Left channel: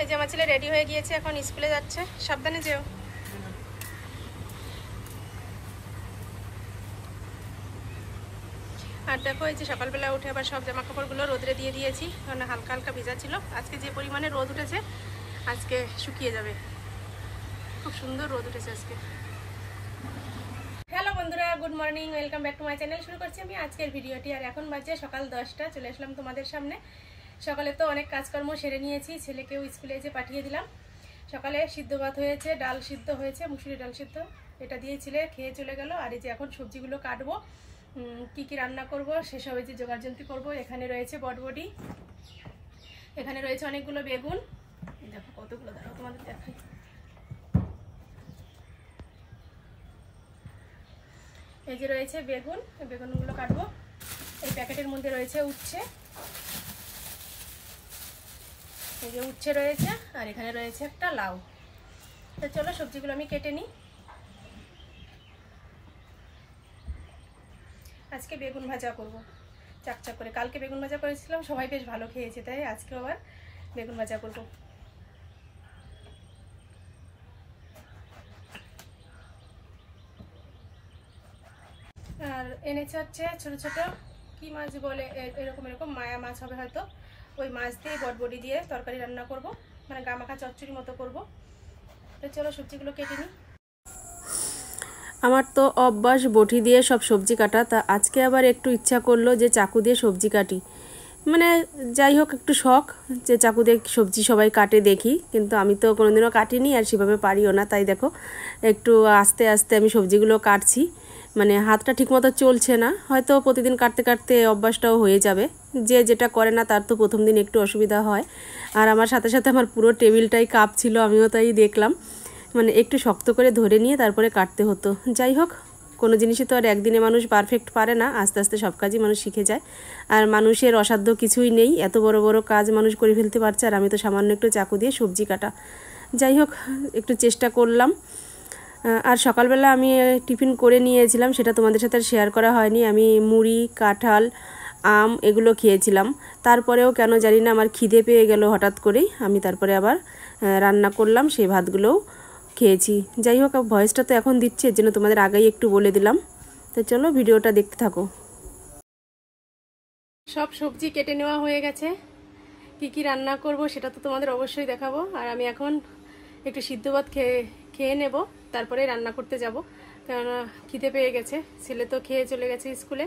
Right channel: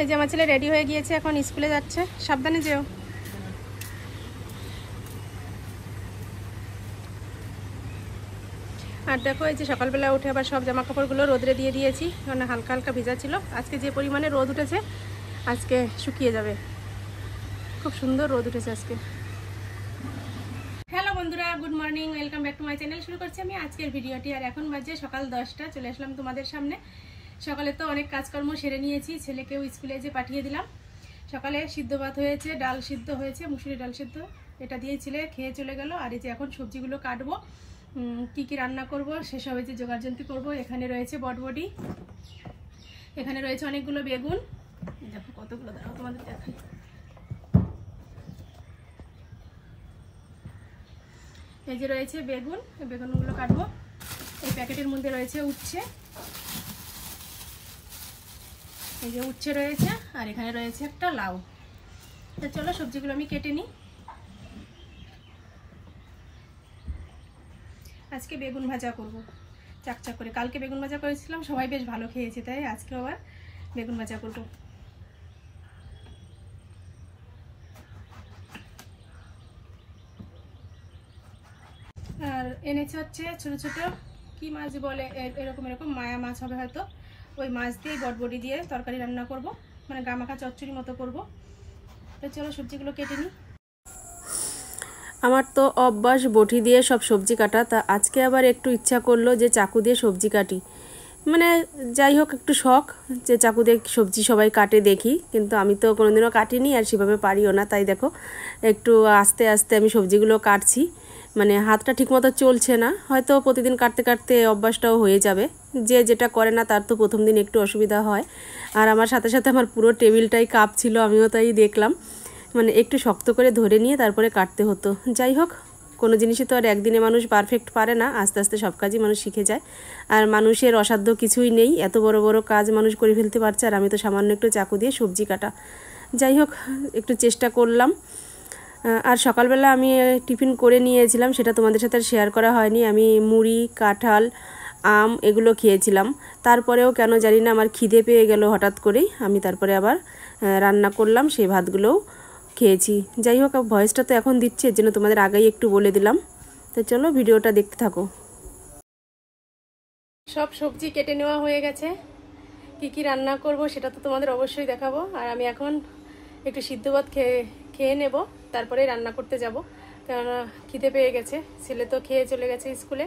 এই যে আমার ছেলে রেডি হয়ে গিয়েছে, এখন স্কুলে যাচ্ছে। সাবধানে যেও। আর দেখো এই যে সকালবেলা উঠে আবার সব জামা কাপড়গুলো রোদরে দিয়ে দিয়েছি, কারণ হালকা হালকা ভিজা ছিল। আজকে যে পরিমাণে রোদ উঠেছে আজকে শুকিয়ে যাবে। খুব সুন্দর রোদ উঠেছে আজকে। হ্যালো বন্ধুরা, good morning, welcome back to my channel. শুরু করছি আমি আজকের ভিডিওটি। আর এখন বাজে সকাল 10টা, চলে আসলাম তোমাদের সামনে। সকালে তো অনেক কাজকর্ম সেরে নিয়েছি, ছেলেকেও স্কুলে যে পাঠিয়ে দিলাম। সকালে সিদ্ধ ভাত হয়েছে, ডাল সিদ্ধ হয়েছে, মুসুরি ডাল সিদ্ধ, এটা দিয়ে ছেলে খেয়ে চলে গেল। আর এই যে এখন সবজিগুলো কাটবো, কি কি রান্না করব সেসব যে জোগাড়যন্ত্র করবো। এখানে রয়েছে বটবটি, এখানে রয়েছে অনেকগুলো বেগুন, দেখো কতগুলো, দেখো তোমাদের দেখাই। এই যে রয়েছে বেগুন, বেগুনগুলো কাটবো। এই প্যাকেটের মধ্যে রয়েছে উচ্ছে, এই যে উচ্ছে রয়েছে, আর এখানে রয়েছে একটা লাউ। তো চলো সবজিগুলো আমি কেটে নিই। আজকে বেগুন ভাজা করব চাকচাক করে। কালকে বেগুন ভাজা করেছিলাম, সবাই বেশ ভালো খেয়েছে, তাই আজকে আবার বেগুন ভাজা করব। আর এনেছে হচ্ছে ছোট ছোট কি মাছ বলে, এরকম মায়া মাছ হবে হয়তো। ওই মাছ দিয়ে বটবটি দিয়ে তরকারি রান্না করব, মানে গামাখা চচ্চড়ি মতো করব। তো চলো সবজিগুলো কেটে নিই। আমার তো অভ্যাস বটি দিয়ে সব সবজি কাটা, তা আজকে আবার একটু ইচ্ছা করলো যে চাকু দিয়ে সবজি কাটি। মানে যাই হোক, একটু শখ যে চাকু দিয়ে সবজি সবাই কাটে দেখি, কিন্তু আমি তো কোনোদিনও কাটিনি আর সেভাবে পারিও না। তাই দেখো একটু আস্তে আস্তে আমি সবজিগুলো কাটছি, মানে হাতটা ঠিকমতো চলছে না। হয়তো প্রতিদিন কাটতে কাটতে অভ্যাসটাও হয়ে যাবে। যে যেটা করে না তার তো প্রথম দিন একটু অসুবিধা হয়। আর আমার সাথে সাথে আমার পুরো টেবিলটাই কাঁপছিল, আমিও তাই দেখলাম। মানে একটু শক্ত করে ধরে নিয়ে তারপরে কাটতে হতো। যাই হোক, কোনো জিনিসই তো আর একদিনে মানুষ পারফেক্ট পারে না, আস্তে আস্তে সব কাজই মানুষ শিখে যায়। আর মানুষের অসাধ্য কিছুই নেই, এত বড় বড় কাজ মানুষ করে ফেলতে পারছে। আর আমি তো সামান্য একটু চাকু দিয়ে সবজি কাটা। যাই হোক, একটু চেষ্টা করলাম। আর সকালবেলা আমি টিফিন করে নিয়েছিলাম, সেটা তোমাদের সাথে শেয়ার করা হয়নি। আমি মুড়ি, কাঁঠাল, আম এগুলো খেয়েছিলাম। তারপরেও কেন জানি না আমার খিদে পেয়ে গেল হঠাৎ করেই। আমি তারপরে আবার রান্না করলাম, সেই ভাতগুলোও খেয়েছি। যাই হোক, ভয়েসটা তো এখন দিচ্ছে, এর জন্য তোমাদের আগেই একটু বলে দিলাম। তো চলো ভিডিওটা দেখতে থাকো। সব সবজি কেটে নেওয়া হয়ে গেছে, কি কি রান্না করব সেটা তো তোমাদের অবশ্যই দেখাবো। আর আমি এখন একটু সিদ্ধ ভাত খেয়ে নেব, তারপরে রান্না করতে যাব, কেননা খিদে পেয়ে গেছে। ছেলে তো খেয়ে চলে গেছে স্কুলে,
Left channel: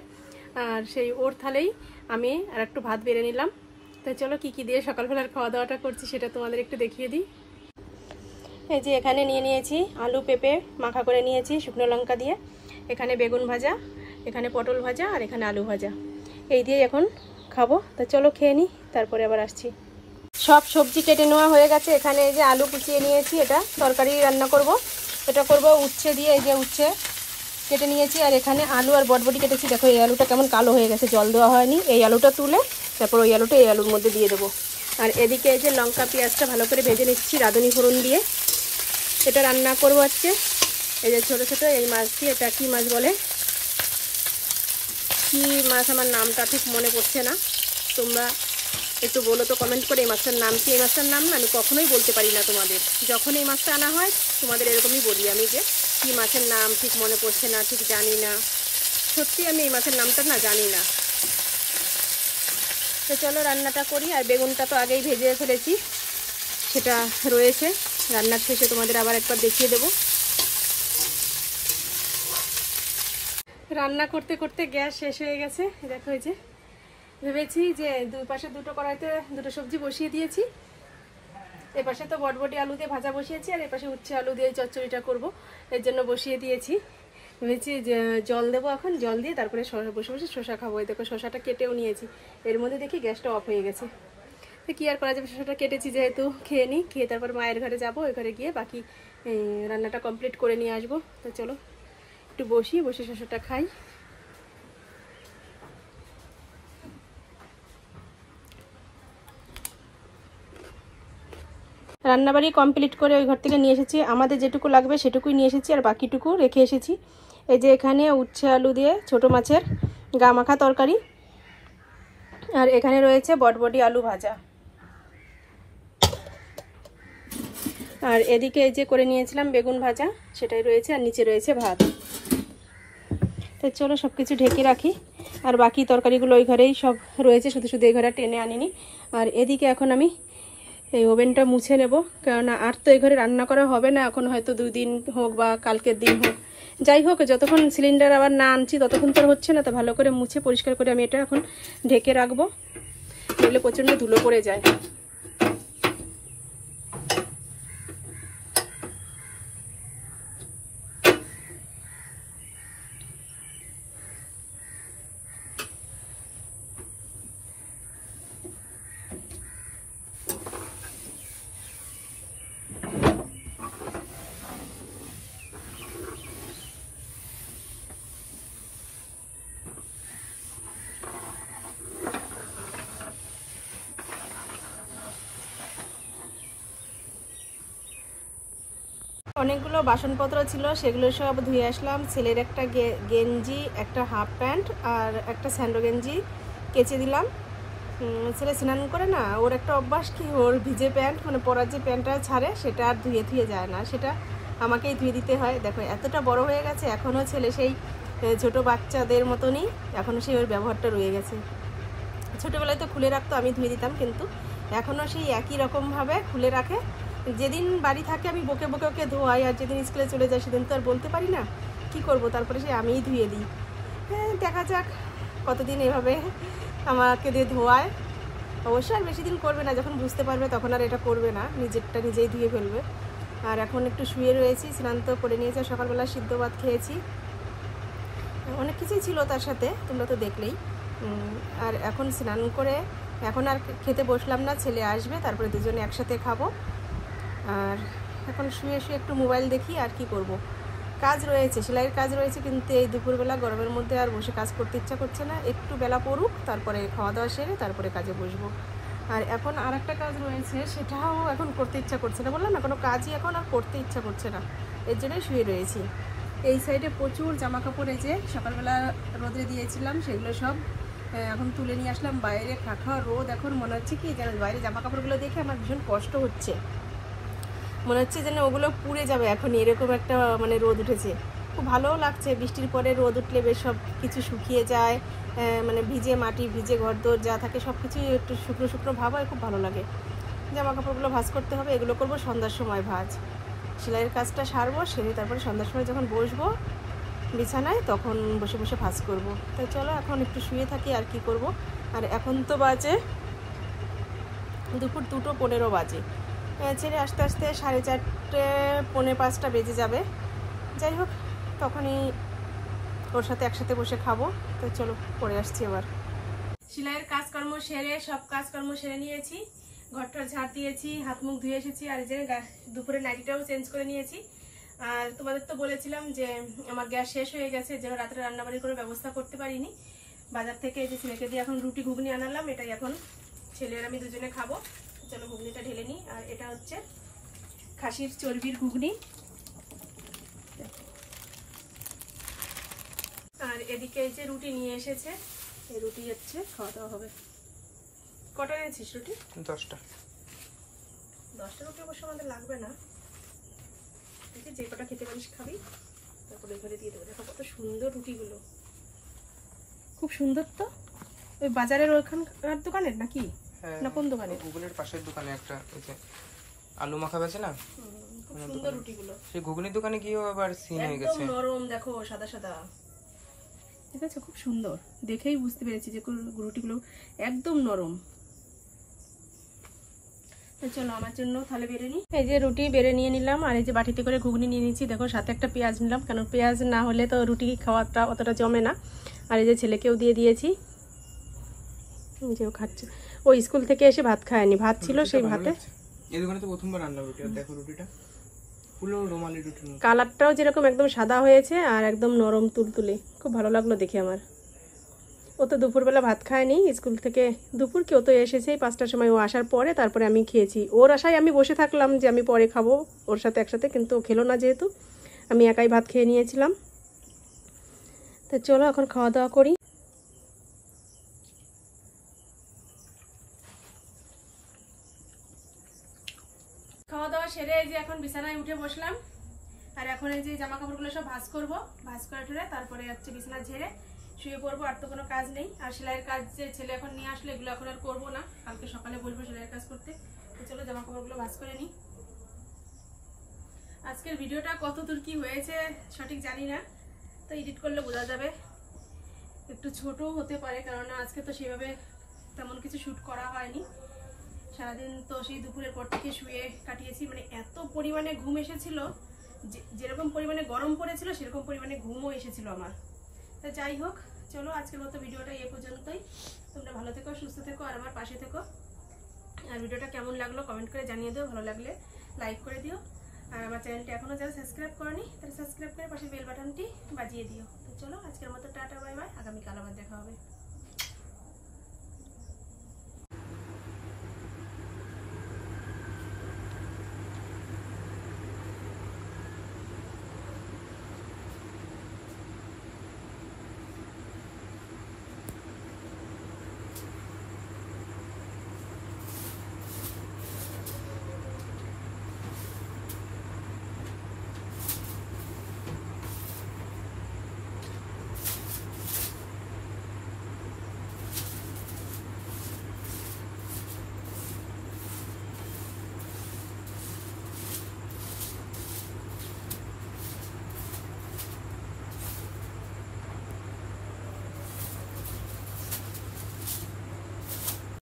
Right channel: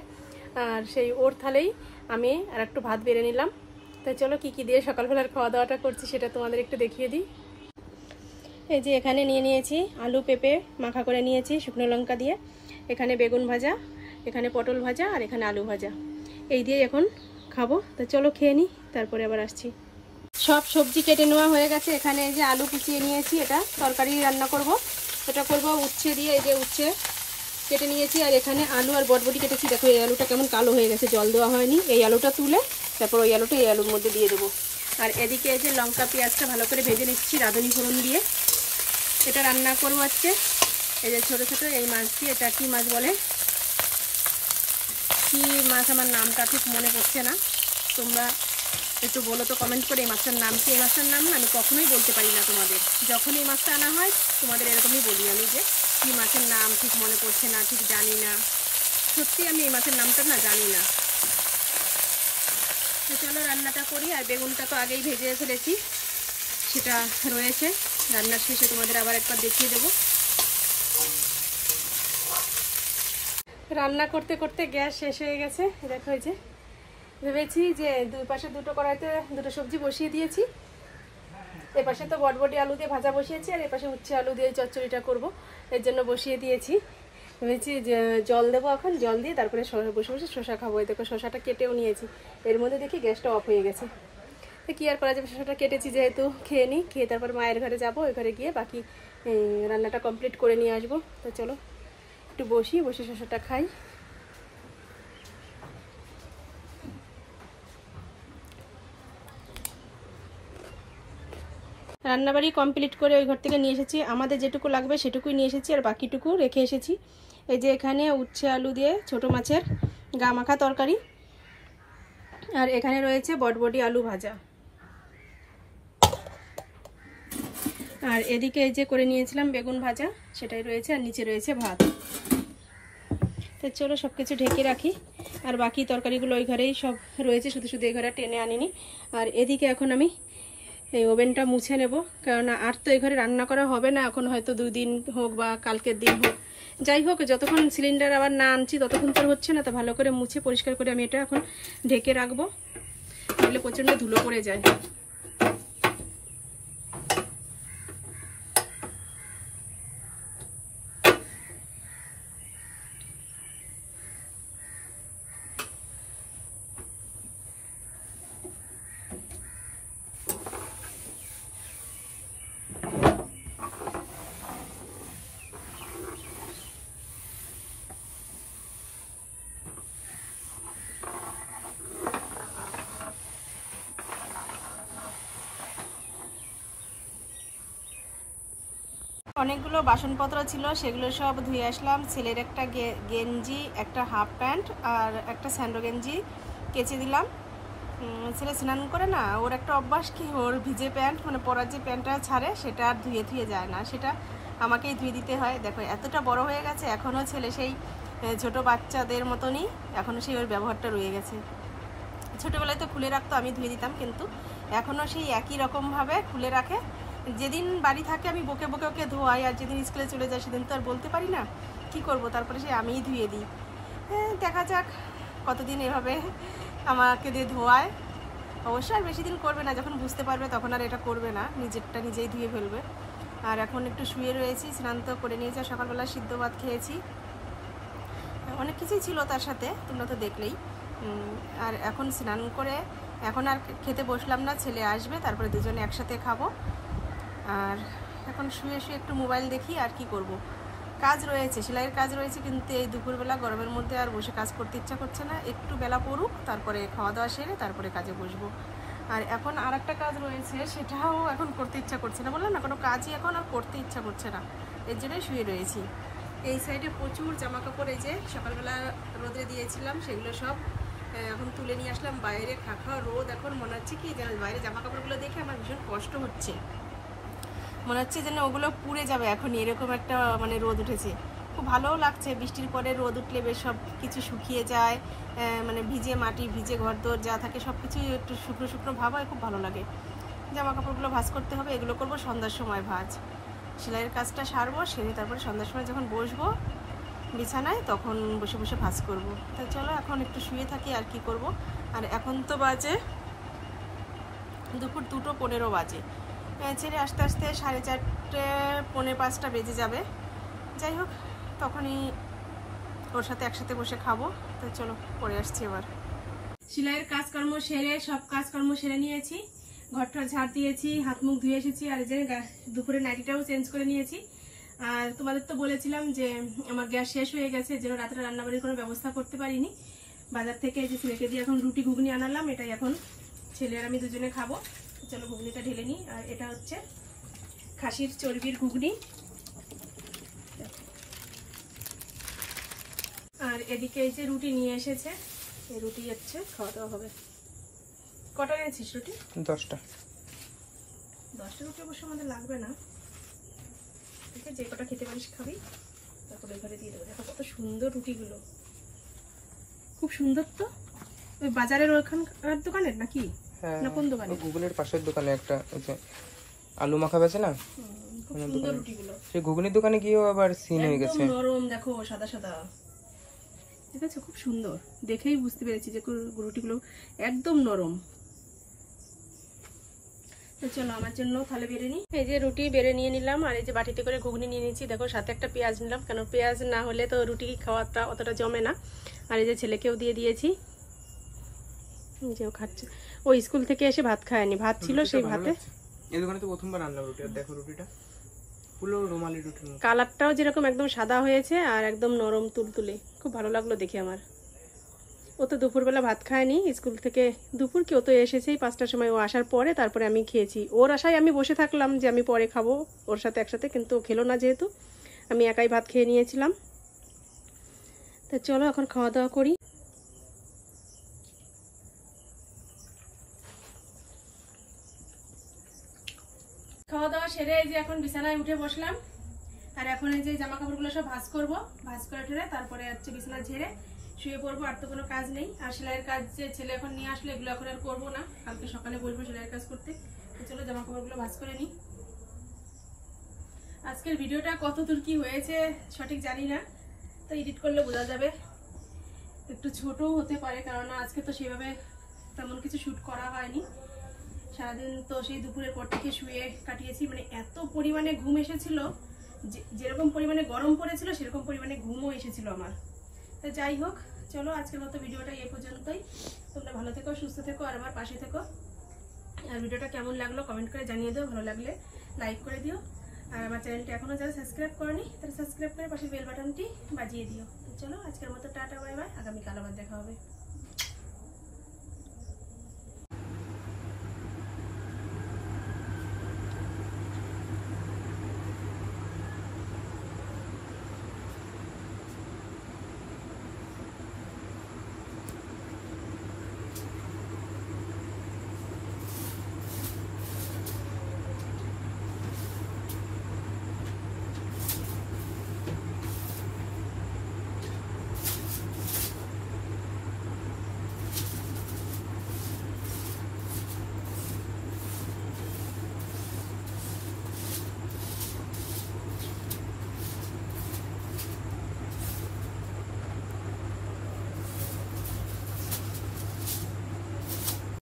আর সেই ওর থালেই আমি আর একটু ভাত বেড়ে নিলাম। তাই চলো কি কি দিয়ে সকালবেলার খাওয়া দাওয়াটা করছি সেটা তোমাদের একটু দেখিয়ে দিই। এই যে এখানে নিয়ে নিয়েছি আলু পেঁপে মাখা করে নিয়েছি শুকনো লঙ্কা দিয়ে, এখানে বেগুন ভাজা, এখানে পটল ভাজা, আর এখানে আলু ভাজা। এই দিয়ে এখন খাবো। তা চলো খেয়ে নিই, তারপরে আবার আসছি। সব সবজি কেটে নেওয়া হয়ে গেছে। এখানে এই যে আলু কুচিয়ে নিয়েছি, এটা তরকারি রান্না করব। এটা করব উচ্ছে দিয়ে, এই যে উচ্ছে কেটে নিয়েছি। আর এখানে আলু আর বটবটি কেটেছি। দেখো এই আলুটা কেমন কালো হয়ে গেছে, জল দেওয়া হয়নি। এই আলুটা তুলে তারপর ওই আলুটা এই আলুর মধ্যে দিয়ে দেবো। আর এদিকে এই যে লঙ্কা পেঁয়াজটা ভালো করে ভেজে নিচ্ছি রাঁধুনি ফোড়ন দিয়ে। এটা রান্না করবো আজকে। এই যে ছোট ছোট এই মাছ দিয়ে, এটা কি মাছ বলে, কি মাছ আমার নামটা ঠিক মনে পড়ছে না, তোমরা একটু বলো তো কমেন্ট করে এই মাছটার নাম কি। এই মাছটার নাম না আমি কখনোই বলতে পারি না তোমাদের, যখন এই মাছটা আনা হয় তোমাদের এরকমই বলি আমি যে কি মাছের নাম ঠিক মনে পড়ছে না, ঠিক জানি না। সত্যি আমি এই মাছের নামটা না জানি না। তো চলো রান্নাটা করি। আর বেগুনটা তো আগেই ভেজে ফেলেছি, সেটা রয়েছে, রান্নার শেষে তোমাদের আবার একবার দেখিয়ে দেবো। রান্না করতে করতে গ্যাস শেষ হয়ে গেছে। দেখো এই যে ভেবেছি যে দুই পাশে দুটো কড়াইতে দুটো সবজি বসিয়ে দিয়েছি। এ পাশে তো বটবটি আলু দিয়ে ভাজা বসিয়েছি, আর এ পাশে উচ্ছে আলু দিয়ে চচ্চড়িটা করব, এর জন্য বসিয়ে দিয়েছি। ভেবেছি যে জল দেবো, এখন জল দিয়ে তারপরে বসে বসে শসা খাবো। এই দেখো শসাটা কেটেও নিয়েছি, এর মধ্যে দেখি গ্যাসটা অফ হয়ে গেছে। তো কি আর করা যাবে, শসাটা কেটেছি যেহেতু খেয়ে নিই, খেয়ে তারপর মায়ের ঘরে যাবো, ওই ঘরে গিয়ে বাকি রান্নাটা কমপ্লিট করে নিয়ে আসবো। তো চলো একটু বসে শসাটা খাই। রান্নাবাড়ি কমপ্লিট করে ওই ঘর থেকে নিয়ে এসেছি, আমাদের যেটুকু লাগবে সেটুকুই নিয়ে এসেছি, আর বাকিটুকু রেখে এসেছি। এই যে এখানে উচ্ছে আলু দিয়ে ছোট মাছের গা মাখা তরকারি, আর এখানে রয়েছে বটবটি আলু ভাজা। আর এদিকে এই যে করে নিয়েছিলাম বেগুন ভাজা, সেটাই রয়েছে, আর নিচে রয়েছে ভাত। তো চলো সব কিছু ঢেকে রাখি। আর বাকি তরকারিগুলো ওই ঘরেই সব রয়েছে, শুধু শুধু এই ঘরে টেনে আনিনি। আর এদিকে এখন আমি এই ওভেনটা মুছে নেব, কেননা আর তো এই ঘরে রান্না করা হবে না এখন, হয়তো 2 দিন হোক বা কালকের দিন হোক, যাই হোক, যতক্ষণ সিলিন্ডার আবার না আনছি ততক্ষণ তো হচ্ছে না। তো ভালো করে মুছে পরিষ্কার করে আমি এটা এখন ঢেকে রাখবো, নইলে প্রচণ্ড ধুলো পড়ে যায়। অনেকগুলো বাসনপত্র ছিল, সেগুলো সব ধুয়ে আসলাম। ছেলের একটা গেঞ্জি, একটা হাফ প্যান্ট আর একটা স্যান্ডো গেঞ্জি কেচে দিলাম। ছেলে স্নান করে না, ওর একটা অভ্যাস কি, ওর ভিজে প্যান্ট মানে পরার যে প্যান্টটা ছাড়ে সেটা আর ধুয়ে যায় না, সেটা আমাকেই ধুয়ে দিতে হয়। দেখো এতটা বড় হয়ে গেছে, এখনও ছেলে সেই ছোট বাচ্চাদের মতনই, এখনও সেই ওর ব্যবহারটা রয়ে গেছে। ছোটোবেলায় তো খুলে রাখতো, আমি ধুয়ে দিতাম, কিন্তু এখনও সেই একই রকমভাবে খুলে রাখে। যেদিন বাড়ি থাকে আমি বকে বকে ওকে ধোয়াই, আর যেদিন স্কুলে চলে যায় সেদিন তো আর বলতে পারি না, কি করব, তারপরে সে আমিই ধুয়ে দিই। হ্যাঁ, দেখা যাক কতদিন এভাবে আমাকে দিয়ে ধোয়ায়। অবশ্যই আর বেশি দিন করবে না, যখন বুঝতে পারবে তখন আর এটা করবে না, নিজেরটা নিজেই ধুয়ে ফেলবে। আর এখন একটু শুয়ে রয়েছি, স্নান তো করে নিয়েছি, সকালবেলা সিদ্ধ ভাত খেয়েছি, অনেক কিছুই ছিল তার সাথে, তোমরা তো দেখলেই। আর এখন স্নান করে এখন আর খেতে বসলাম না, ছেলে আসবে তারপরে দুজনে একসাথে খাবো। আর এখন শুয়ে শুয়ে একটু মোবাইল দেখি, আর কি করব, কাজ রয়েছে, সেলাইয়ের কাজ রয়েছে, কিন্তু এই দুপুরবেলা গরমের মধ্যে আর বসে কাজ করতে ইচ্ছা করছে না। একটু বেলা পড়ুক, তারপরে খাওয়া দাওয়া সেরে তারপরে কাজে বসবো। আর এখন আর একটা কাজ রয়েছে, সেটাও এখন করতে ইচ্ছা করছে না, বললাম না, কোনো কাজই এখন আর করতে ইচ্ছা করছে না, এর জন্যই শুয়ে রয়েছি। এই সাইডে প্রচুর জামা কাপড়, এই যে সকালবেলা রোদে দিয়েছিলাম সেগুলো সব এখন তুলে নিয়ে আসলাম বাইরে। খাখা রোদ, এখন মনে হচ্ছে কি যেন বাইরে জামা কাপড়গুলো দেখে আমার ভীষণ কষ্ট হচ্ছে, মনে হচ্ছে যেন ওগুলো পুড়ে যাবে, এখন এরকম একটা মানে রোদ উঠেছে। খুব ভালোও লাগছে, বৃষ্টির পরে রোদ উঠলে বেশ সব কিছু শুকিয়ে যায়, মানে ভিজে মাটি, ভিজে ঘরদোর যা থাকে সব কিছু একটু শুকনো শুকনো ভাব হয়, খুব ভালো লাগে। জামা কাপড়গুলো ভাঁজ করতে হবে, এগুলো করবো সন্ধ্যার সময় ভাঁজ, সেলাইয়ের কাজটা সারবো, সেরে তারপরে সন্ধ্যার সময় যখন বসবো বিছানায় তখন বসে বসে ভাঁজ করবো। তাই চলো এখন একটু শুয়ে থাকি, আর কি করব। আর এখন তো বাজে দুপুর 2:15 বাজে, ছেড়ে আসতে আসতে 4:30 পৌনে 5টা বেজে যাবে। যাই হোক, তখনই ওর সাথে একসাথে বসে খাবো। তো চলো পরে আসছি। এবার সেলাইয়ের কাজকর্ম সেরে, সব কাজকর্ম সেরে নিয়েছি, ঘরটা ঝাড় দিয়েছি, হাত মুখ ধুয়ে এসেছি, আর এই যে দুপুরে নাইটিটাও চেঞ্জ করে নিয়েছি। আর তোমাদের তো বলেছিলাম যে আমার গ্যাস শেষ হয়ে গেছে, যেন রাত্রে রান্নাবাড়ির কোনো ব্যবস্থা করতে পারিনি। বাজার থেকে এই যে ছেলেকে দিয়ে এখন রুটি ঘুগনি আনালাম, এটাই এখন ছেলের আমি দুজনে খাবো। চলো ঘুগনিটা ঢেলে নিই। আর এটা হচ্ছে খাসির চর্বির ঘুগনি। আর এদিকে এই যে রুটি নিয়ে এসেছে, এই রুটি হচ্ছে খাওয়া দাওয়া হবে। কটা এনেছিস রুটি? 10টা। 10টা রুটি অবশ্য আমাদের লাগবে না, যে কটা খেতে পারিস খাবি, তারপরে ঘরে দিয়ে দেবো। দেখো কত সুন্দর রুটিগুলো, খুব সুন্দর। তো ওই বাজারের ওইখানকার দোকানের নাকি? হ্যাঁ, না কোন দোকানে? গুগলের পাশের দোকানে একটা ওই যে আলু মাখা বেচে না, খুব সুন্দর রুটিগুলো। সেই ঘুগনির দোকানে গিয়েও আবার সিন হয়ে গেছে, নরম, দেখো সাদা সাদা, ঠিক আছে, খুব সুন্দর। দেখেই বুঝতে পেরেছি যে রুটিগুলো একদম নরম। চলো আমার জন্য তাহলে বেড়ে নিই। এই যে রুটি বেড়ে নিয়ে নিলাম, আর এই যে বাটিতে করে ঘুগনি নিয়ে নিচ্ছি। দেখো সাথে একটা পেঁয়াজ নিলাম, কারণ পেঁয়াজ না হলে তো রুটি খাওয়াটা অতটা জমে না। আর এই যে ছেলেকেও দিয়ে দিয়েছি, যে ও খাচ্ছে, ও স্কুল থেকে এসে ভাত খায়নি, ভাত ছিল সেই ভাতে। এই দোকানে তো প্রথমবার রান্না রুটি, আর দেখো রুটিটা পুরো রুমালি রুটি, কালারটাও যেরকম একদম সাদা হয়েছে আর একদম নরম তুলতুলে, খুব ভালো লাগলো দেখে আমার। ও তো দুপুরবেলা ভাত খায়নি স্কুল থেকে, দুপুর কি ও তো এসেছে 5টার সময়, ও আসার পরে তারপরে আমি খেয়েছি। ওর আশায় আমি বসে থাকলাম যে আমি পরে খাবো ওর সাথে একসাথে, কিন্তু ও খেলো না, যেহেতু আমি একাই ভাত খেয়ে নিয়েছিলাম। তো চলো এখন খাওয়া দাওয়া করি। খাওয়া দাওয়া সেরে এই যে এখন বিছানায় উঠে বসলাম। আর এখন এই যে জামা কাপড়গুলো সব ভাঁজ করবো, ভাঁজ করে ঠুরে তারপরে হচ্ছে বিছানা ঝেড়ে শুয়ে পড়বো। আর তো কোনো কাজ নেই। আর সেলাইয়ের কাজ যে ছেলে এখন নিয়ে আসলে এগুলো এখন আর করবো না, কালকে সকালে বলবো সেলাইয়ের কাজ করতে। তো চলো জামা কাপড়গুলো ভাঁজ করে নিই। আজকের ভিডিওটা কত দূর কি হয়েছে সঠিক জানি না, তো এডিট করলে বোঝা যাবে। একটু ছোটও হতে পারে, কারণ আজকে তো সেভাবে তেমন কিছু শ্যুট করা হয়নি। সারাদিন তো সেই দুপুরের পর থেকে শুয়ে কাটিয়েছি। মানে এত পরিমাণে ঘুম এসেছিল, যেরকম পরিমাণে গরম পড়েছিল সেরকম পরিমাণে ঘুমও এসেছিল আমার। তো যাই হোক, চলো আজকের মতো ভিডিওটা এ পর্যন্তই। তোমরা ভালো থেকো, সুস্থ থেকো, আর আমার পাশে থেকো। আর ভিডিওটা কেমন লাগলো কমেন্ট করে জানিয়ে দিও, ভালো লাগলে লাইক করে দিও। আর আমার চ্যানেলটি এখনো যারা সাবস্ক্রাইব করনি তারা সাবস্ক্রাইব করে পাশে বেল বাটনটি বাজিয়ে দিও। তো চলো আজকের মতো টাটা, বাই বাই। আগামীকাল আবার দেখা হবে।